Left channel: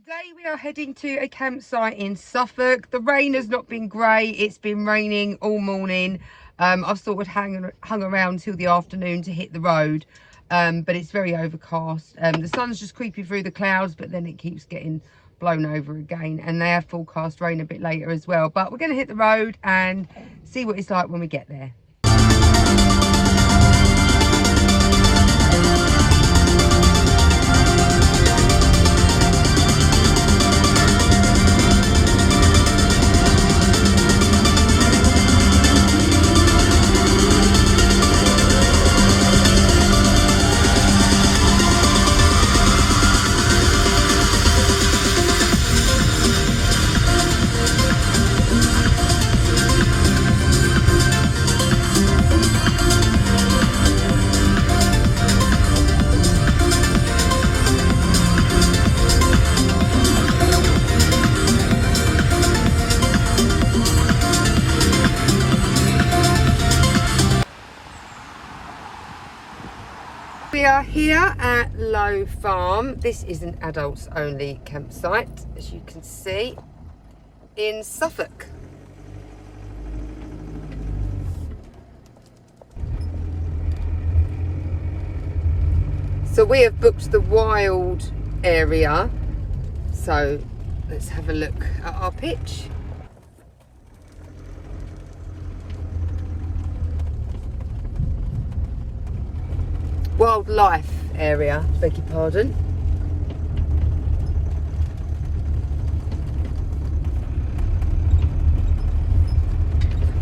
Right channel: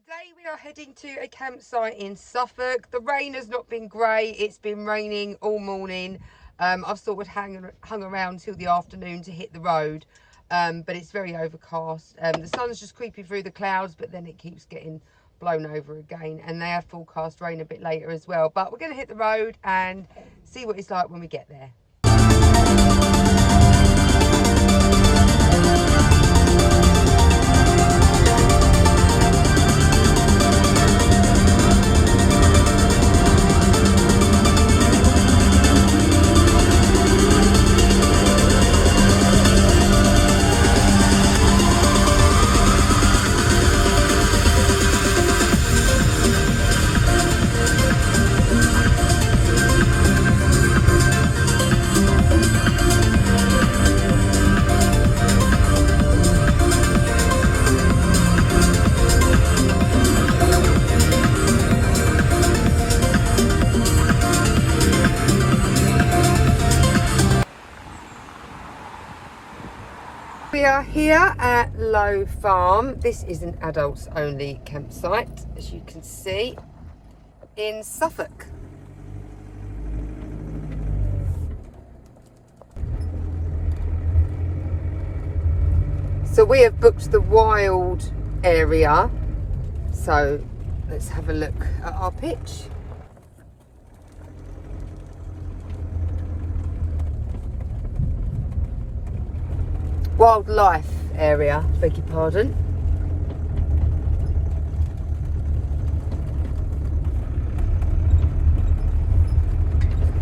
Today we are heading to a campsite in Suffolk. The rain has not been great. It's been raining all morning. I've sort of hung around till the afternoon to hit the road, but it's very overcast. The sun's just creeping through the clouds, but then it keeps getting blown over again, and they have forecast rain a bit later as well. But we're going to hit the road and see what it's like when we get there. We are here at Low Farm. This is an adults only campsite, as you can see, in Suffolk. So we have booked the wild area. So let's have a look at our pitch. Wildlife area, beg your pardon.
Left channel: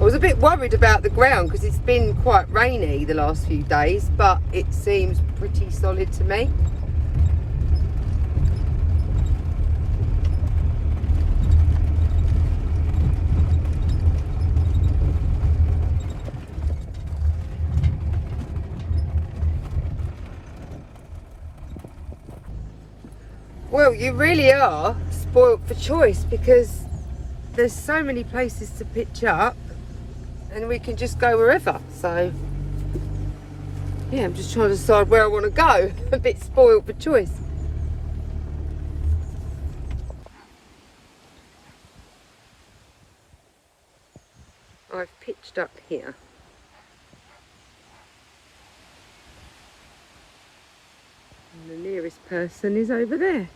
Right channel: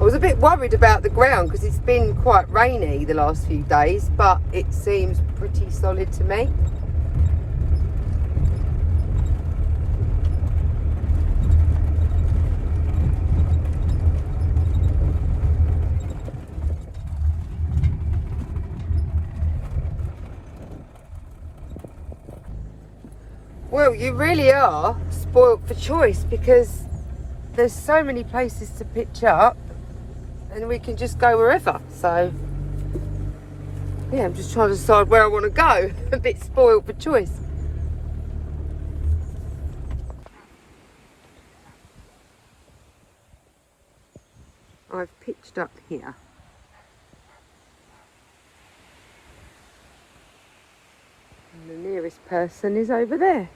I was a bit worried about the ground because it's been quite rainy the last few days, but it seems pretty solid to me. Well, you really are spoilt for choice because there's so many places to pitch up and we can just go wherever. So, yeah, I'm just trying to decide where I want to go. A bit spoilt for choice. I've pitched up here. And the nearest person is over there.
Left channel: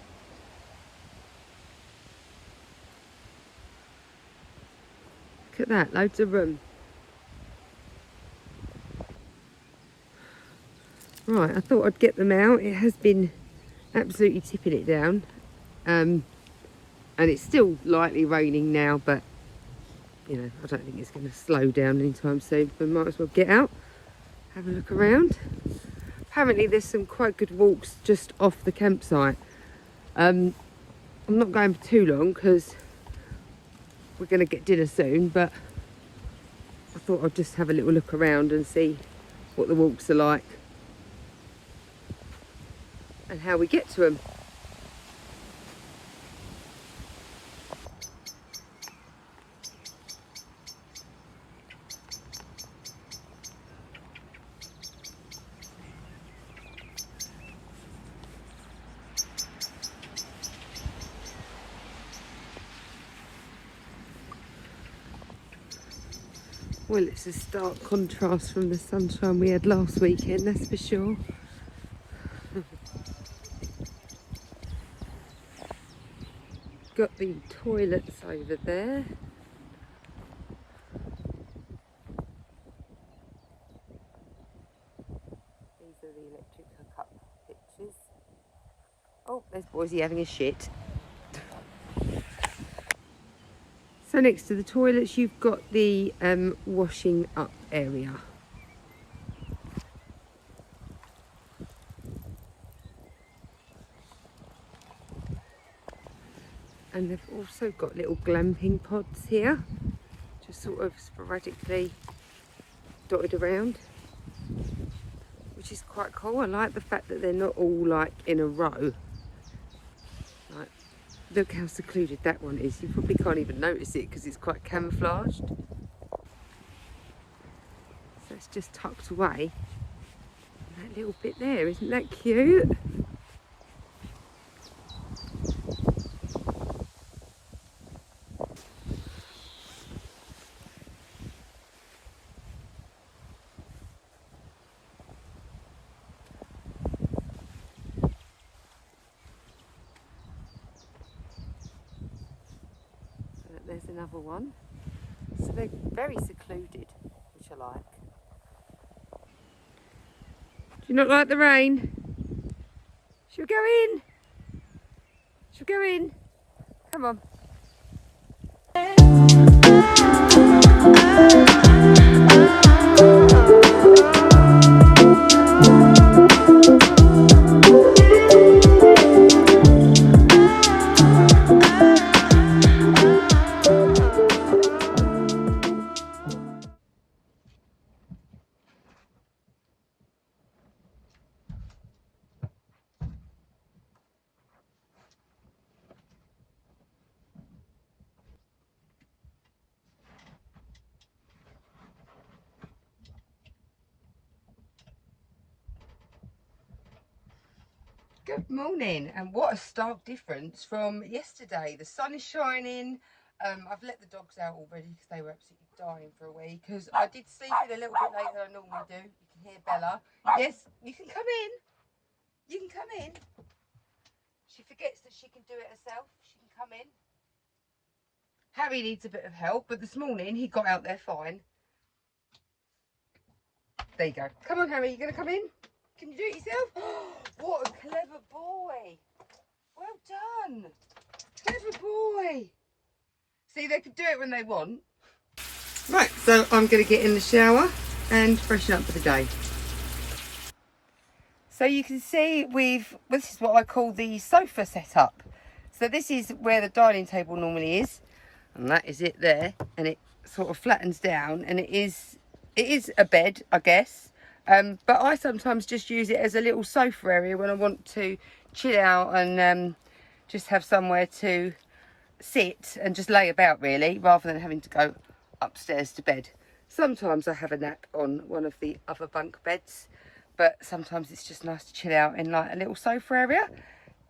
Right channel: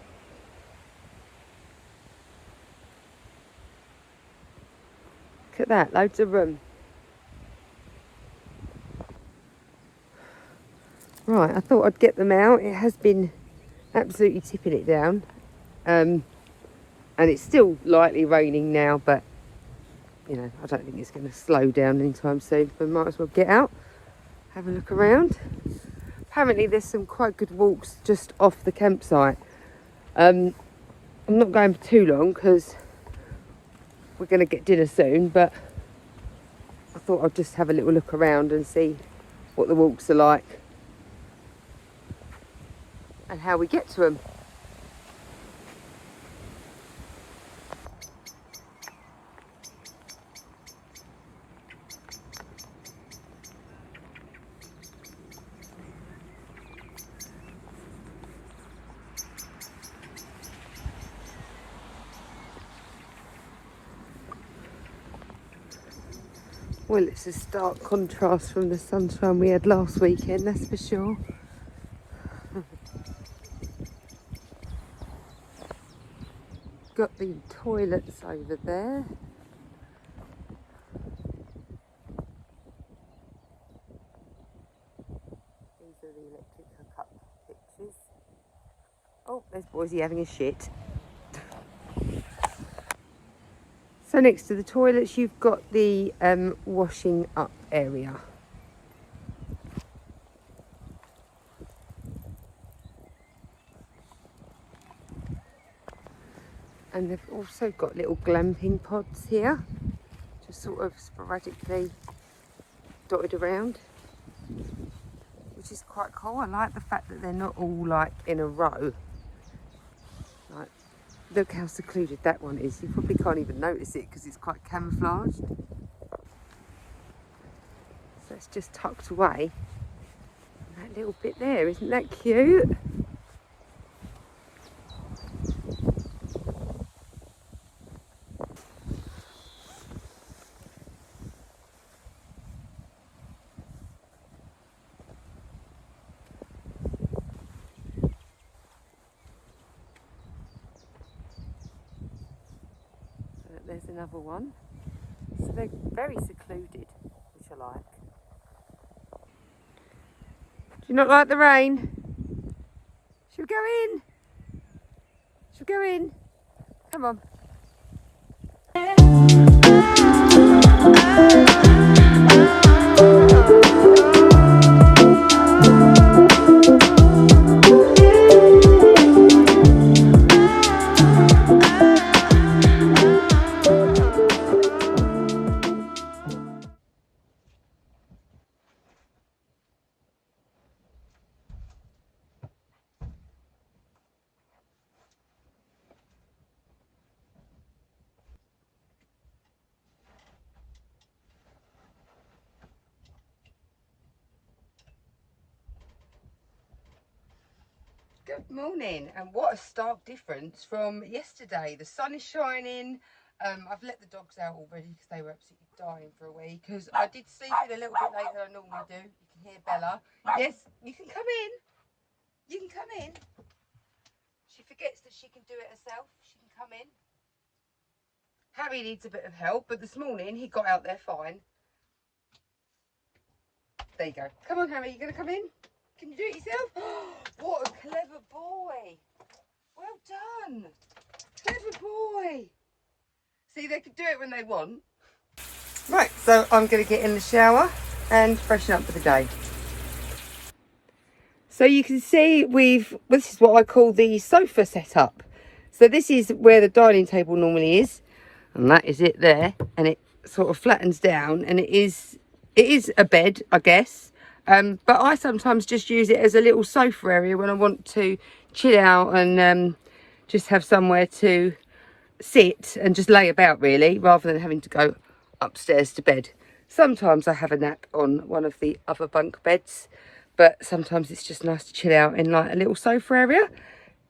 Look at that, loads of room. Right, I thought I'd get them out. It has been absolutely tipping it down. And it's still lightly raining now, but, you know, I don't think it's going to slow down anytime soon. So I might as well get out, have a look around. Apparently there's some quite good walks just off the campsite. I'm not going for too long because we're going to get dinner soon, but I thought I'd just have a little look around and see what the walks are like and how we get to them. Well, it's a stark contrast from the sunshine we had last weekend, that's for sure. Got the toilets over there. These are the electric hookup pictures. Oh, there's Boise having a shit. So next to the toilets you've got the washing up area. And they've also got little glamping pods here, just sort of sporadically dotted around, which is quite cool. I like the fact that they're not all like in a row. Like, look how secluded that one is. You probably can't even notice it because it's quite camouflaged. So it's just tucked away. And that little bit there, isn't that cute? there's another one. So they're very secluded, which I like. Do you not like the rain? Should we go in? Should we go in? Come on. Good morning, and what a stark difference from yesterday. The sun is shining. I've let the dogs out already because they were absolutely dying for a wee, because I did sleep in a little bit later than I normally do. You can hear Bella. Yes, you can come in. You can come in. She forgets that she can do it herself. She can come in. Harry needs a bit of help, but this morning he got out there fine. There you go. Come on, Harry, you going to come in? Can you do it yourself? What a clever boy. Well done. Clever boy. See, they can do it when they want. Right, so I'm going to get in the shower and freshen up for the day. So you can see this is what I call the sofa setup. So this is where the dining table normally is. And that is it there. And it sort of flattens down. And it is a bed, I guess. But I sometimes just use it as a little sofa area when I want to chill out and just have somewhere to sit and just lay about, really, rather than having to go upstairs to bed. Sometimes I have a nap on one of the other bunk beds, but sometimes it's just nice to chill out in like a little sofa area.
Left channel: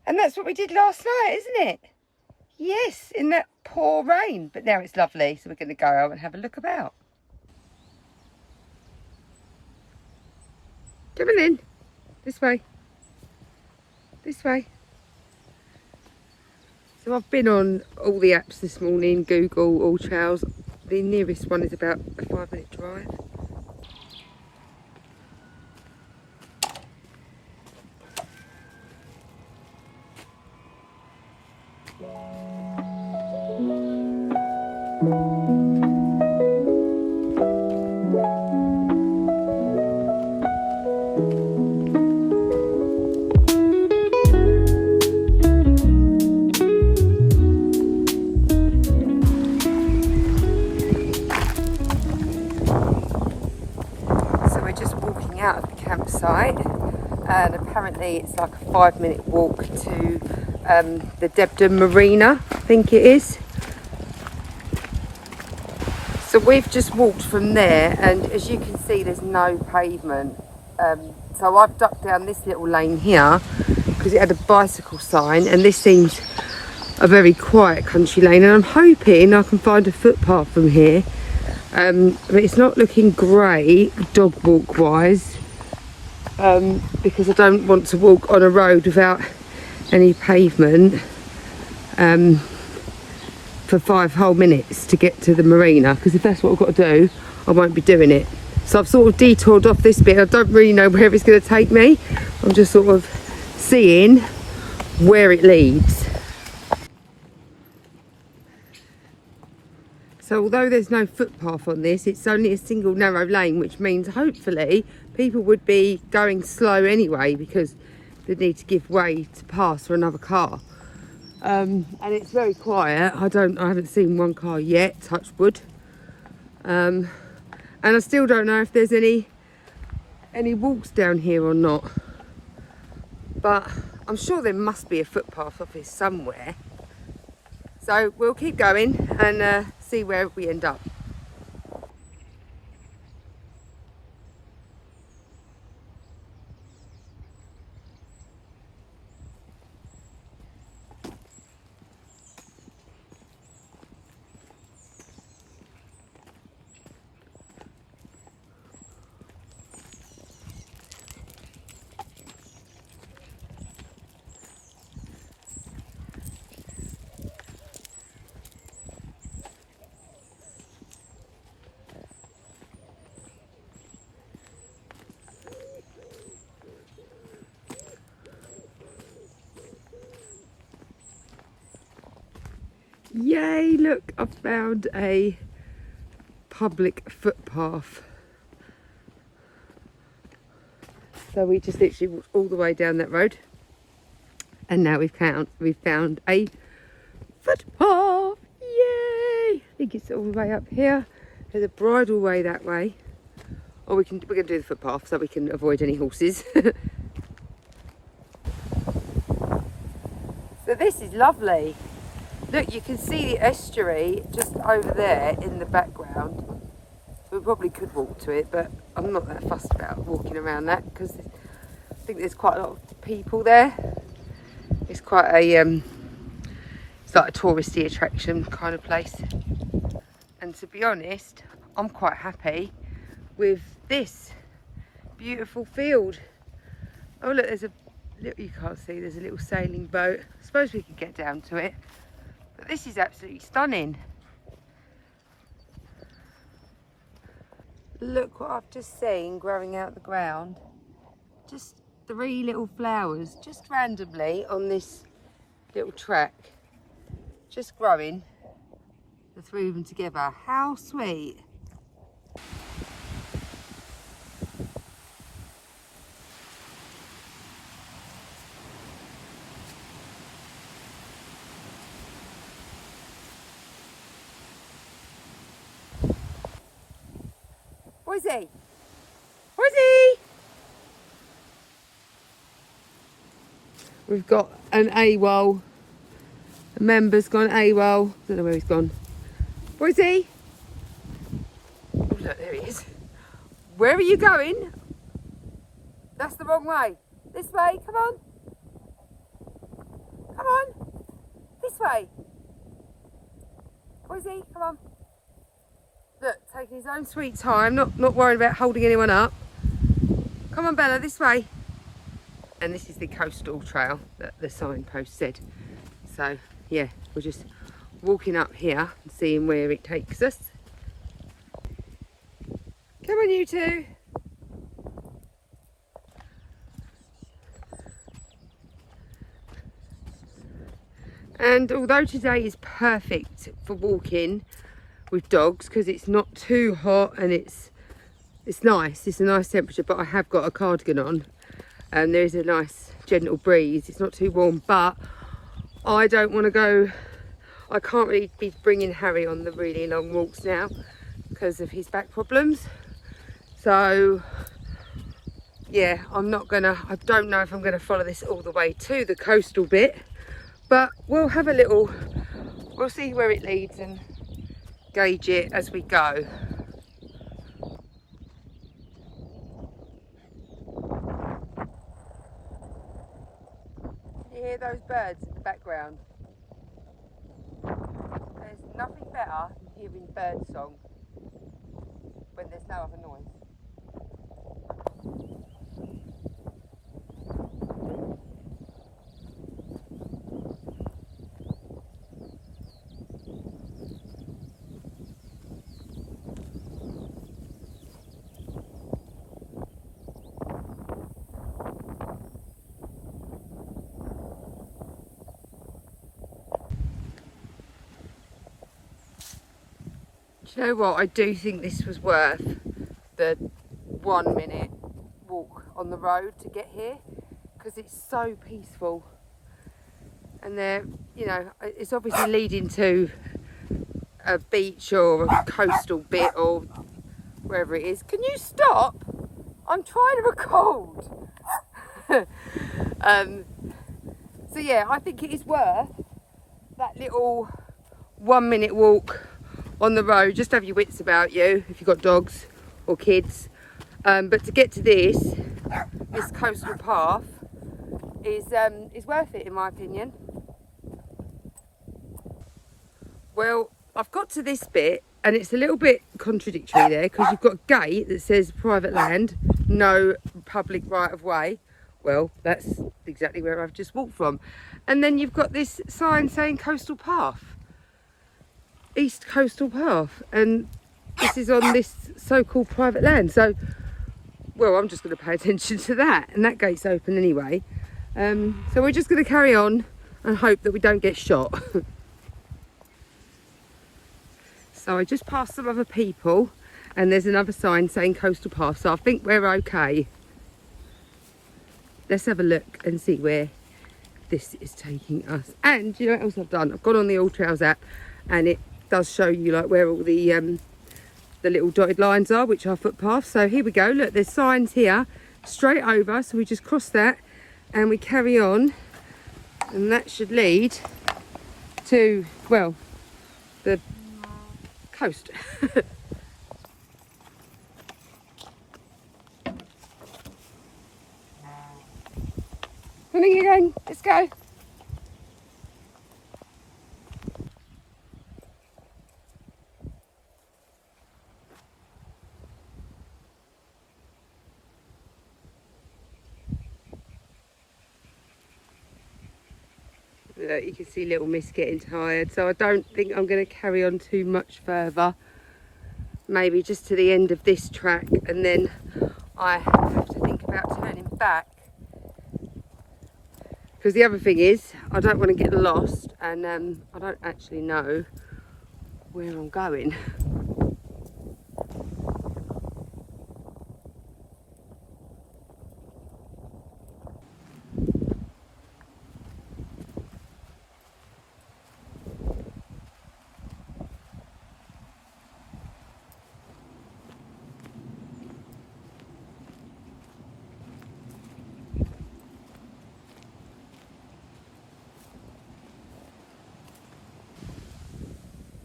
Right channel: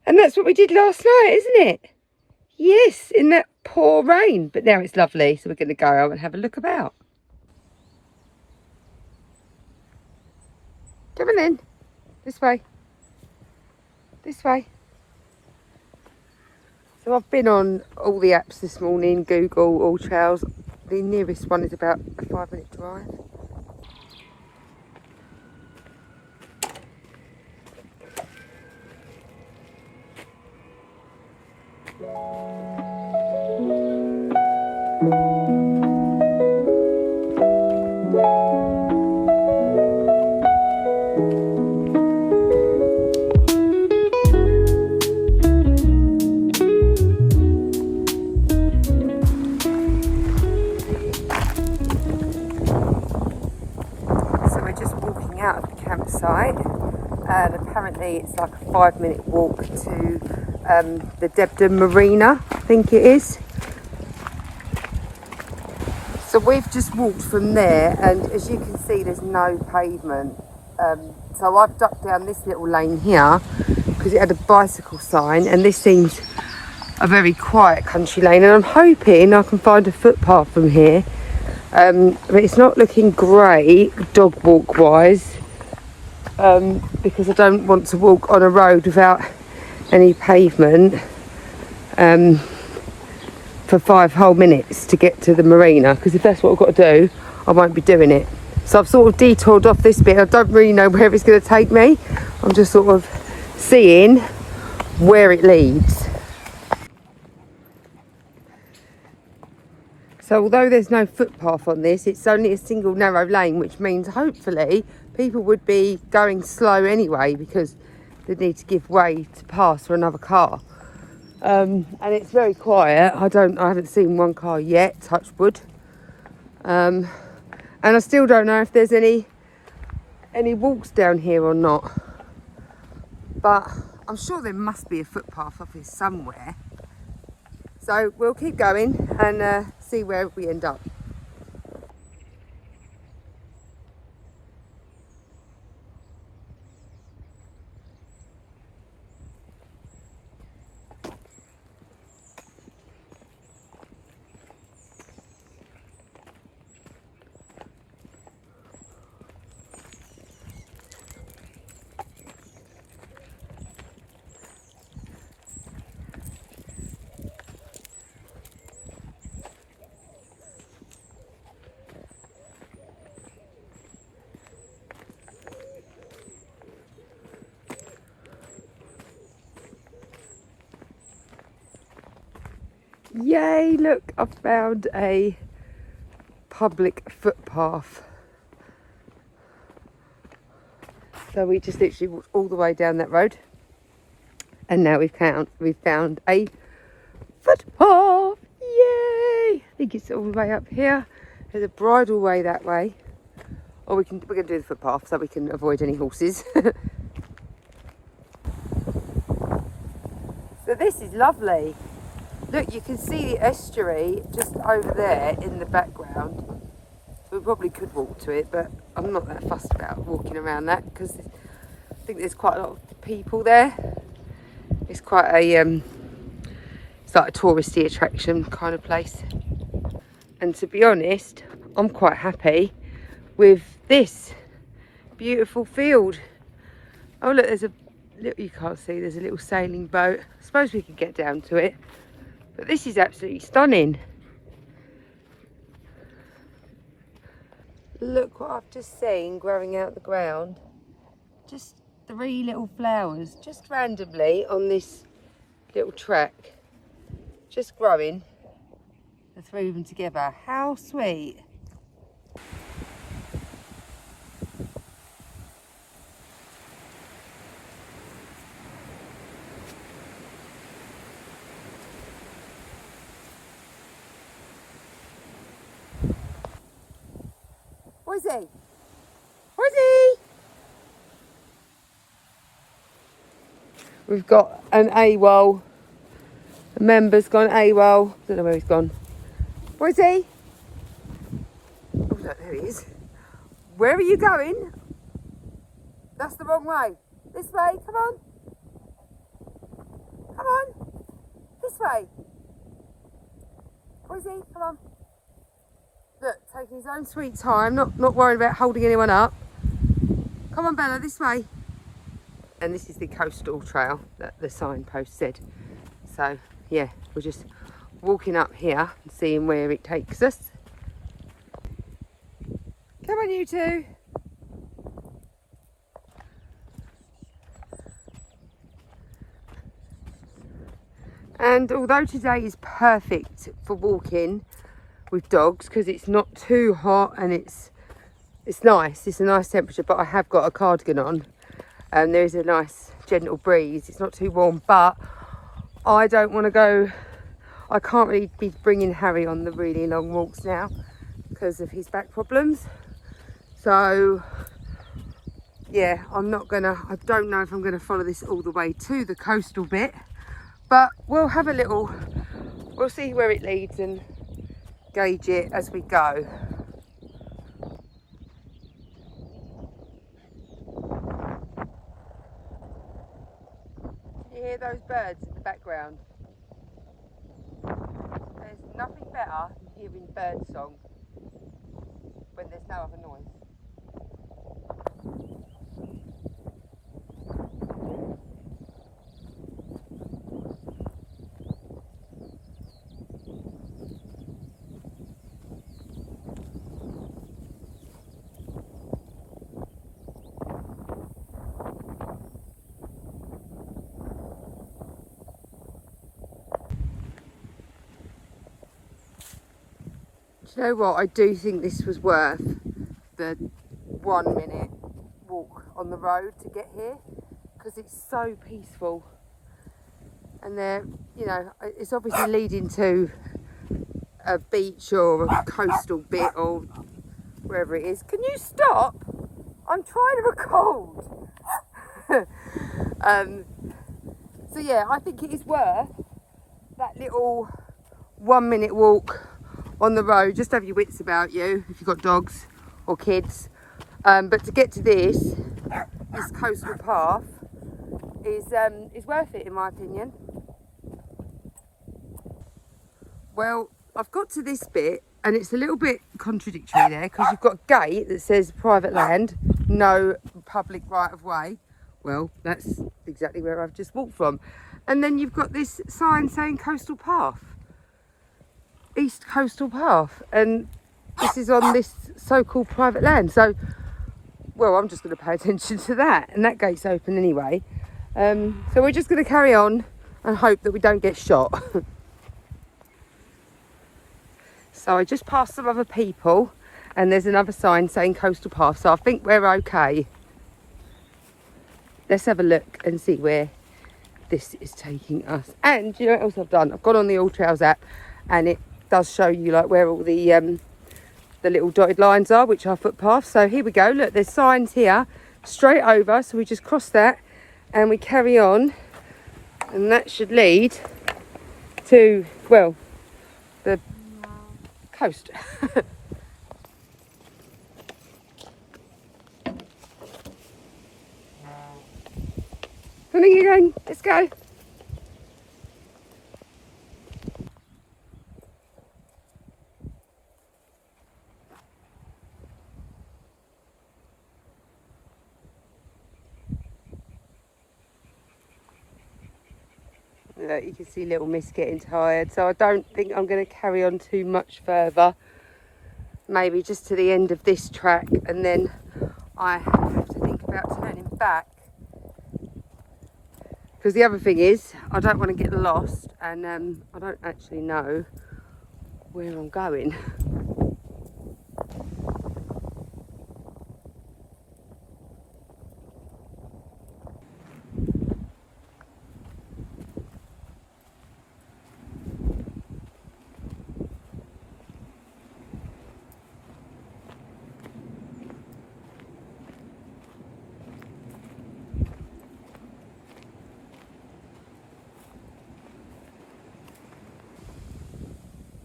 And that's what we did last night, isn't it? Yes, in that poor rain. But now it's lovely, so we're going to go out and have a look about. Come on in. This way. This way. So I've been on all the apps this morning, Google, All Trails. The nearest one is about a 5-minute drive. Out of the campsite, and apparently it's like a 5-minute walk to the Debden Marina, I think it is. So we've just walked from there, and as you can see there's no pavement, so I've ducked down this little lane here because it had a bicycle sign, and this seems a very quiet country lane, and I'm hoping I can find a footpath from here. But it's not looking great dog walk wise, because I don't want to walk on a road without any pavement for 5 whole minutes to get to the marina, because if that's what I've got to do, I won't be doing it. So I've sort of detoured off this bit. I don't really know where it's going to take me. I'm just sort of seeing where it leads. So although there's no footpath on this, it's only a single narrow lane, which means hopefully people would be going slow anyway because they need to give way to pass for another car. And it's very quiet. I haven't seen one car yet, touch wood. And I still don't know if there's any walks down here or not. But I'm sure there must be a footpath off here somewhere. So we'll keep going and see where we end up. Yay, look, I've found a public footpath. So we just literally walked all the way down that road. And now we've found a footpath. Yay! I think it's all the way up here. There's a bridle way that way. Or we're going to do the footpath so we can avoid any horses. So this is lovely. Look, you can see the estuary just over there in the background. We probably could walk to it, but I'm not that fussed about walking around that because I think there's quite a lot of people there. It's quite a, it's like a touristy attraction kind of place. And to be honest, I'm quite happy with this beautiful field. Oh look, there's a little, you can't see, there's a little sailing boat. I suppose we could get down to it. But this is absolutely stunning. Look what I've just seen growing out the ground. Just 3 little flowers, just randomly on this little track. Just growing, the 3 of them together. How sweet. Where's he? Where's he? We've got an AWOL. A member's gone AWOL. Don't know where he's gone. Where's he? Oh look, there he is. Where are you going? That's the wrong way. This way, come on. Come on. This way. Where's he? Come on. Look, taking his own sweet time, not worried about holding anyone up. Come on, Bella, this way. And this is the coastal trail that the signpost said. So, yeah, we're just walking up here and seeing where it takes us. Come on, you two. And although today is perfect for walking with dogs because it's not too hot and it's nice, it's a nice temperature, but I have got a cardigan on and there's a nice gentle breeze. It's not too warm, but I don't want to go, I can't really be bringing Harry on the really long walks now because of his back problems. So yeah, I don't know if I'm gonna follow this all the way to the coastal bit, but we'll see where it leads and gauge it as we go. You hear those birds in the background? There's nothing better than hearing bird song when there's no other noise. Do you know what? I do think this was worth the 1 minute walk on the road to get here because it's so peaceful. And there, you know, it's obviously leading to a beach or a coastal bit or wherever it is. Can you stop? I'm trying to record. So yeah, I think it is worth that little 1 minute walk on the road. Just have your wits about you if you've got dogs or kids. But to get to this coastal path is worth it in my opinion. Well, I've got to this bit and it's a little bit contradictory there because you've got a gate that says private land, no public right of way. Well, that's exactly where I've just walked from. And then you've got this sign saying coastal path, East Coastal Path, and this is on this so-called private land. So, well, I'm just going to pay attention to that, and that gate's open anyway. So we're just going to carry on and hope that we don't get shot. So I just passed some other people and there's another sign saying coastal path. So I think we're okay. Let's have a look and see where this is taking us. And you know what else I've done? I've gone on the All Trails app and it does show you like where all the little dotted lines are, which are footpaths. So here we go. Look, there's signs here straight over. So we just cross that and we carry on. And that should lead to, well, the coast. Honey, again, let's go. Look, you can see little Miss getting tired, so I don't think I'm going to carry on too much further. Maybe just to the end of this track, and then I have to think about turning back. Because the other thing is, I don't want to get lost, and I don't actually know where I'm going.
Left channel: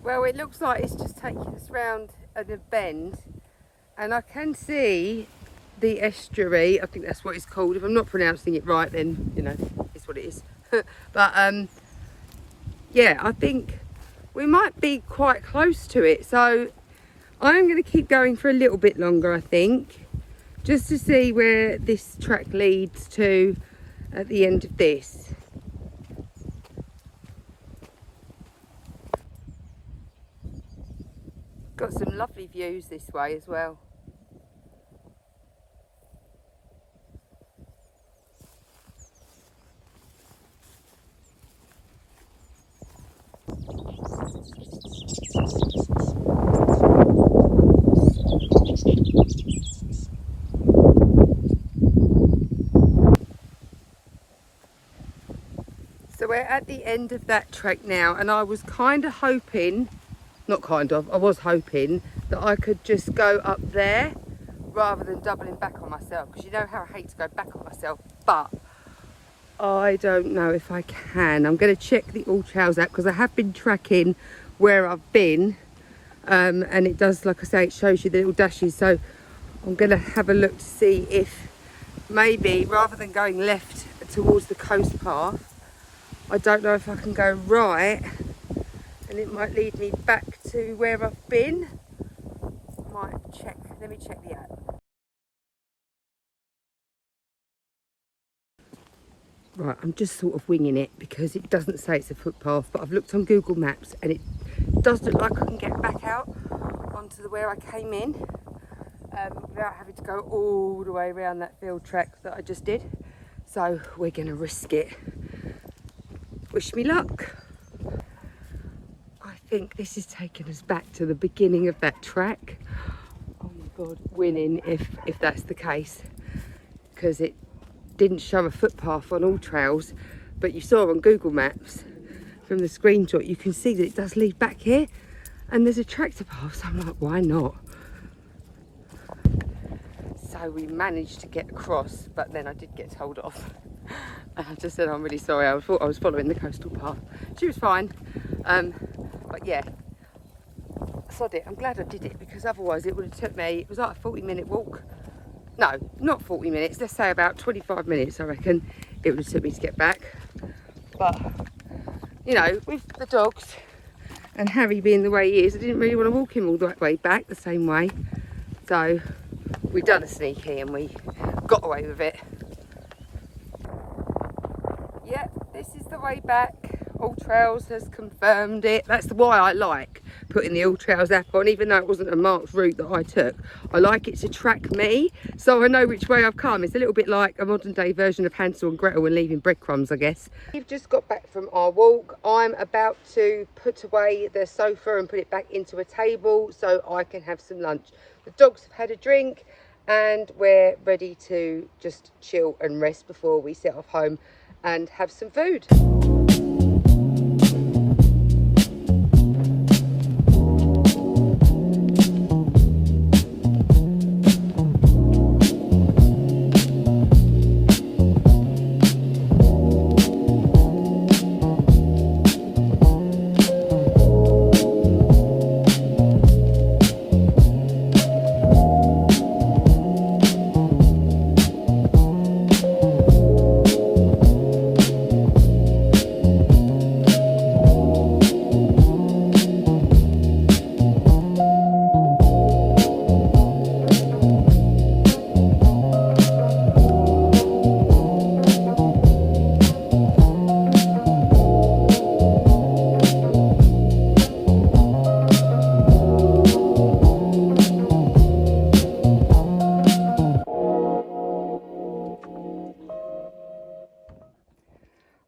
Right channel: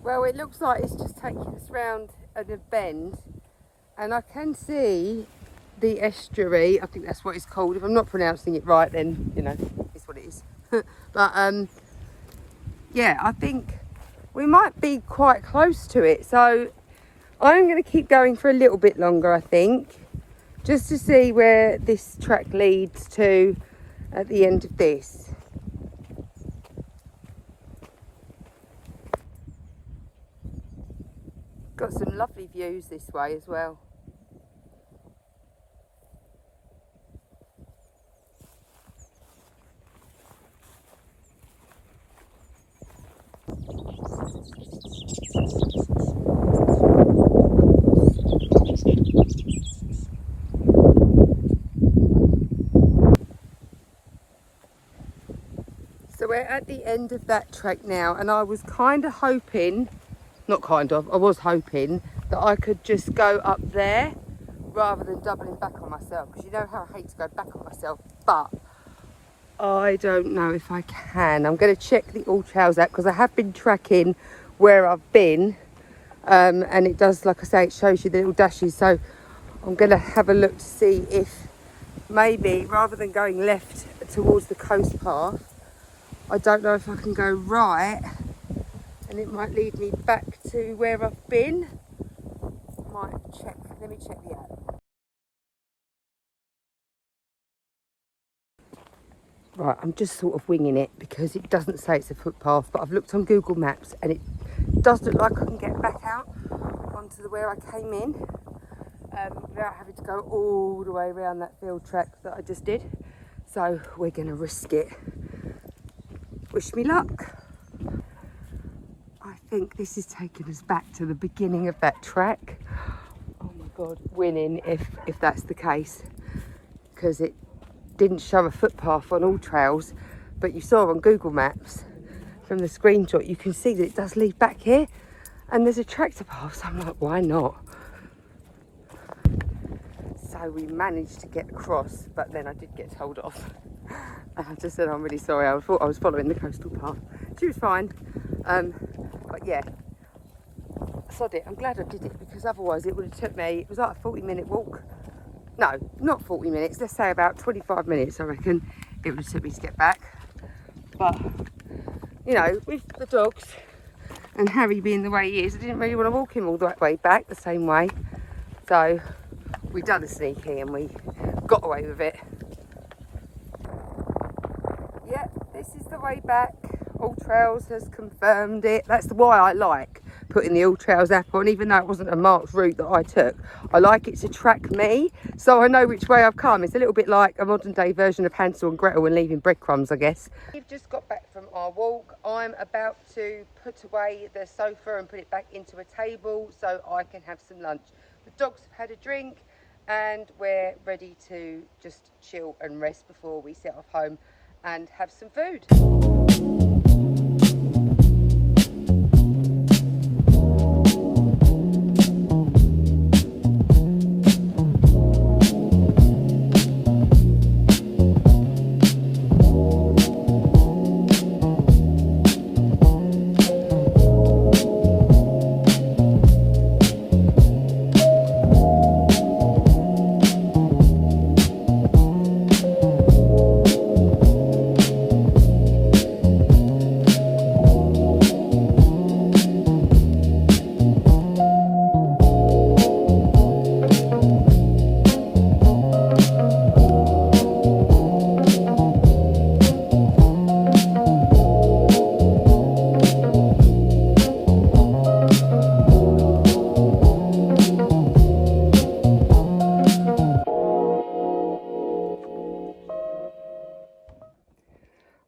Well, it looks like it's just taking us round a bend, and I can see the estuary. I think that's what it's called. If I'm not pronouncing it right, then you know it's what it is. But yeah, I think we might be quite close to it. So I'm going to keep going for a little bit longer, I think, just to see where this track leads to at the end of this. Got some lovely views this way as well. So we're at the end of that trek now, and I was kind of hoping, I was hoping that I could just go up there rather than doubling back on myself, because you know how I hate to go back on myself, but I don't know if I can. I'm going to check the All Trails app because I have been tracking where I've been, and it does, like I say, it shows you the little dashes. So I'm going to have a look to see if maybe rather than going left towards the coast path, I don't know if I can go right and it might lead me back to where I've been. Might check, let me check the app. Right, I'm just sort of winging it because it doesn't say it's a footpath, but I've looked on Google Maps and it does look like I can get back out onto where I came in without having to go all the way around that field track that I just did. So we're going to risk it. Wish me luck. I think this is taking us back to the beginning of that track. Oh my God, winning if that's the case, because it didn't show a footpath on All Trails, but you saw on Google Maps from the screenshot, you can see that it does lead back here and there's a tractor path, so I'm like, why not? So we managed to get across, but then I did get told off. I just said, I'm really sorry, I thought I was following the coastal path. She was fine, but yeah, sod it. I'm glad I did it, because otherwise it would have took me, it was like a 40-minute walk. No, not 40 minutes, let's say about 25 minutes, I reckon it would have took me to get back. But, you know, with the dogs and Harry being the way he is, I didn't really want to walk him all the way back the same way. So we done a sneaky and we got away with it. Yep, this is the way back. All Trails has confirmed it. That's why I like putting the All Trails app on, even though it wasn't a marked route that I took. I like it to track me, so I know which way I've come. It's a little bit like a modern day version of Hansel and Gretel and leaving breadcrumbs, I guess. We've just got back from our walk. I'm about to put away the sofa and put it back into a table so I can have some lunch. The dogs have had a drink and we're ready to just chill and rest before we set off home and have some food.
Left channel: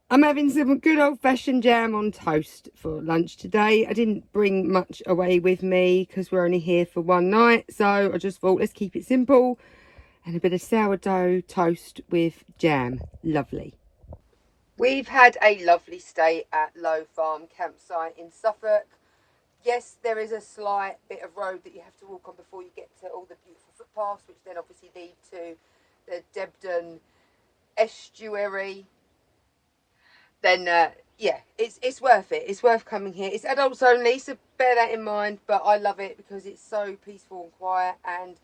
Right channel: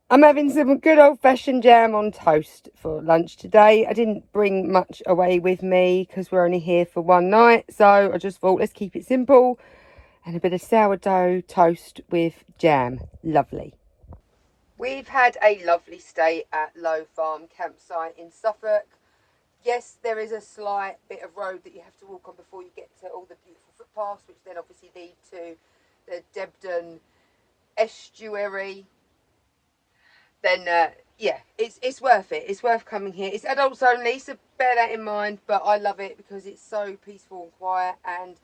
I'm having some good old-fashioned jam on toast for lunch today. I didn't bring much away with me because we're only here for one night. So I just thought, let's keep it simple. And a bit of sourdough toast with jam. Lovely. We've had a lovely stay at Low Farm campsite in Suffolk. Yes, there is a slight bit of road that you have to walk on before you get to all the beautiful footpaths, which then obviously lead to the Debden estuary. Then yeah, it's worth it. It's worth coming here. It's adults only, so bear that in mind, but I love it because it's so peaceful and quiet, and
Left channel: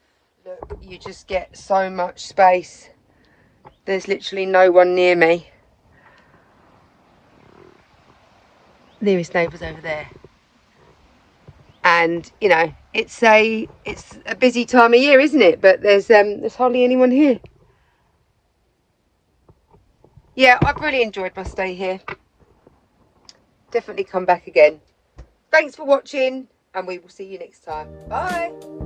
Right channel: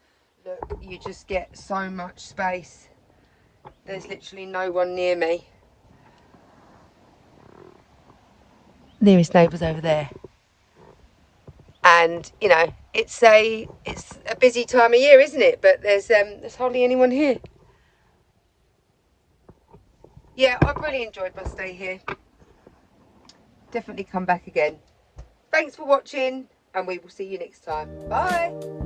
look, you just get so much space. There's literally no one near me. Nearest neighbours over there. And you know, it's a busy time of year, isn't it? But there's hardly anyone here. Yeah, I've really enjoyed my stay here. Definitely come back again. Thanks for watching, and we will see you next time. Bye.